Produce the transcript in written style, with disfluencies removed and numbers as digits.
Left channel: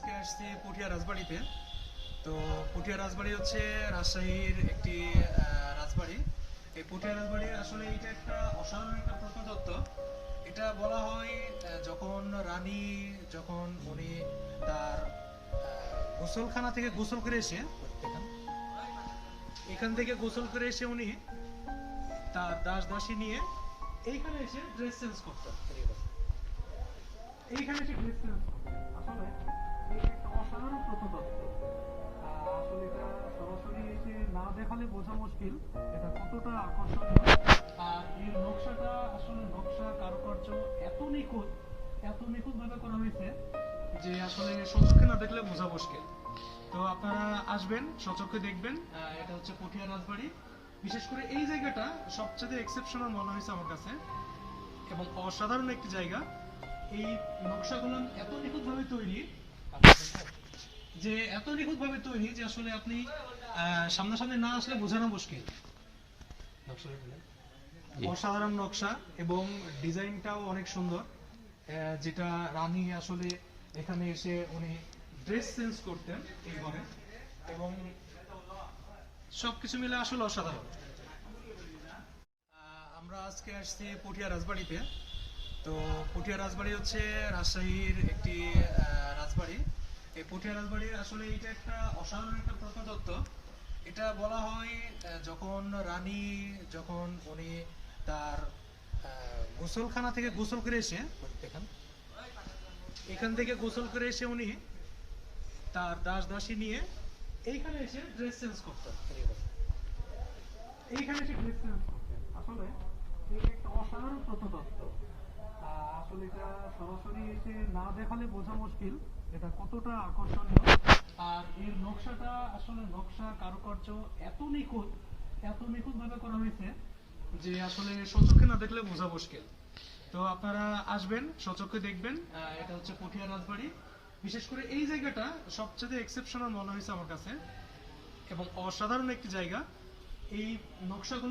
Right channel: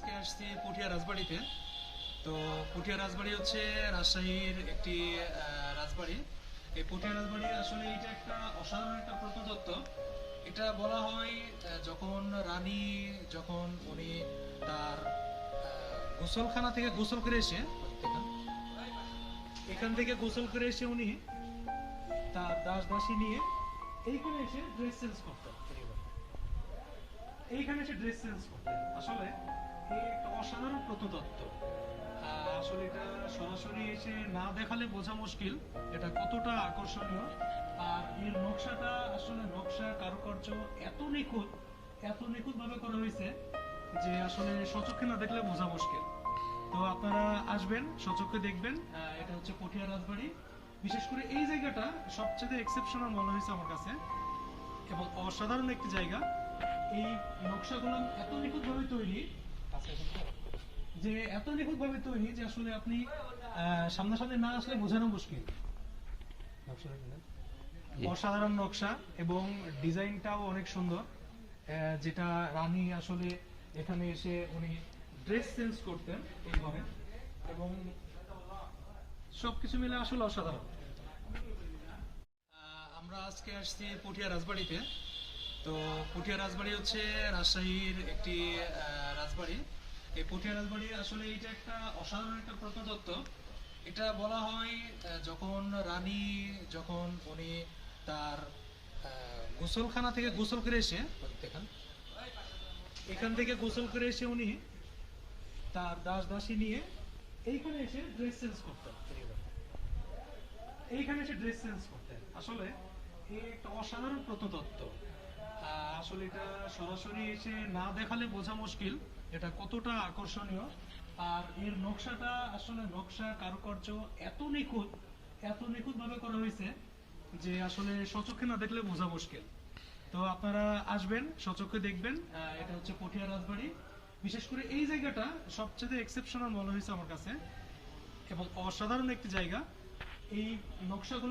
আজকে আসছি পুঠিয়া রাজবাড়িতে। তো পুঠিয়া রাজবাড়ি হচ্ছে রাজশাহীর একটি রাজবাড়ি। এই পুঠিয়া রাজবাড়ি আসলে এটা একটা অসাধারণ একটা প্রত্নতত্ত্ব। এটা বলা হয় যখন রানী যখন উনি তার গোসলখানা থেকে গোসল করে এসে এখান থেকে গোসল করে এসে উনি তার দাস দাসী নিয়ে এইখানে এসে ড্রেস চেঞ্জ করতেন। এইখানে এসে ড্রেস চেঞ্জ করতেন। আসলে এই একটা অসাধারণ প্রত্নতত্ত্ব। আসলে এটা সরাসরি এসে না দেখালে বোঝা মুশকিল এটা কতটা আকর্ষণীয়। আর এর নকশাটা আসলে নকশা কারুকার্য এত নিখুঁত ভাবে করা হয়েছে যে আসলে সচক্ষে না দেখলে বোঝা মুশকিল। তো আপনারা আসবেন, সচক্ষে দেখবেন। এটা হচ্ছে পুঠিয়া রাজবাড়ি। বিশেষ করে এই জায়গাটা সবচেয়ে এক্সেপশনাল মনে হয়েছে আমার কাছে এবং অসাধারণ একটি জায়গা। এই নকশাগুলো এত নিখুঁতভাবে তৈরি যে আসলে আপনি সামনাসামনি না আসলে বোঝানো মুশকিল। অসাধারণ নকশা এবং ডিজাইনটাও অনেক সুন্দর। যেটা রানী আসলে এখানে এসে উনি ড্রেস চেঞ্জ করতেন এই ঘরে এবং সবকিছু মিলে আসলে অসাধারণ। আমরা আজকে আসছি পুঠিয়া রাজবাড়িতে। তো পুঠিয়া রাজবাড়ি হচ্ছে রাজশাহীর একটি রাজবাড়ি। এই পুঠিয়া রাজবাড়ি আসলে এটা একটা অসাধারণ একটা প্রত্নতত্ত্ব। এটা বলা হয় যখন রানী যখন উনি তার গোসলখানা থেকে গোসল করে এসে এখান থেকে গোসল করে এসে উনি তার দাস দাসী নিয়ে এইখানে এসে ড্রেস চেঞ্জ করতেন। আসলে এই একটা অসাধারণ প্রত্নতত্ত্ব। আসলে এটা সরাসরি এসে না দেখালে বোঝা মুশকিল এটা কতটা আকর্ষণীয়। আর এর নকশাটা আসলে নকশা কারুকার্য এত নিখুঁত ভাবে করা হয়েছে যে আসলে সচক্ষে না দেখলে বোঝা মুশকিল। তো আপনারা আসবেন, সচক্ষে দেখবেন। এটা হচ্ছে পুঠিয়া রাজবাড়ি। বিশেষ করে এই জায়গাটা সবচেয়ে এক্সেপশনাল মনে হয়েছে আমার কাছে এবং অসাধারণ একটি জায়গা। এই নকশাগুলো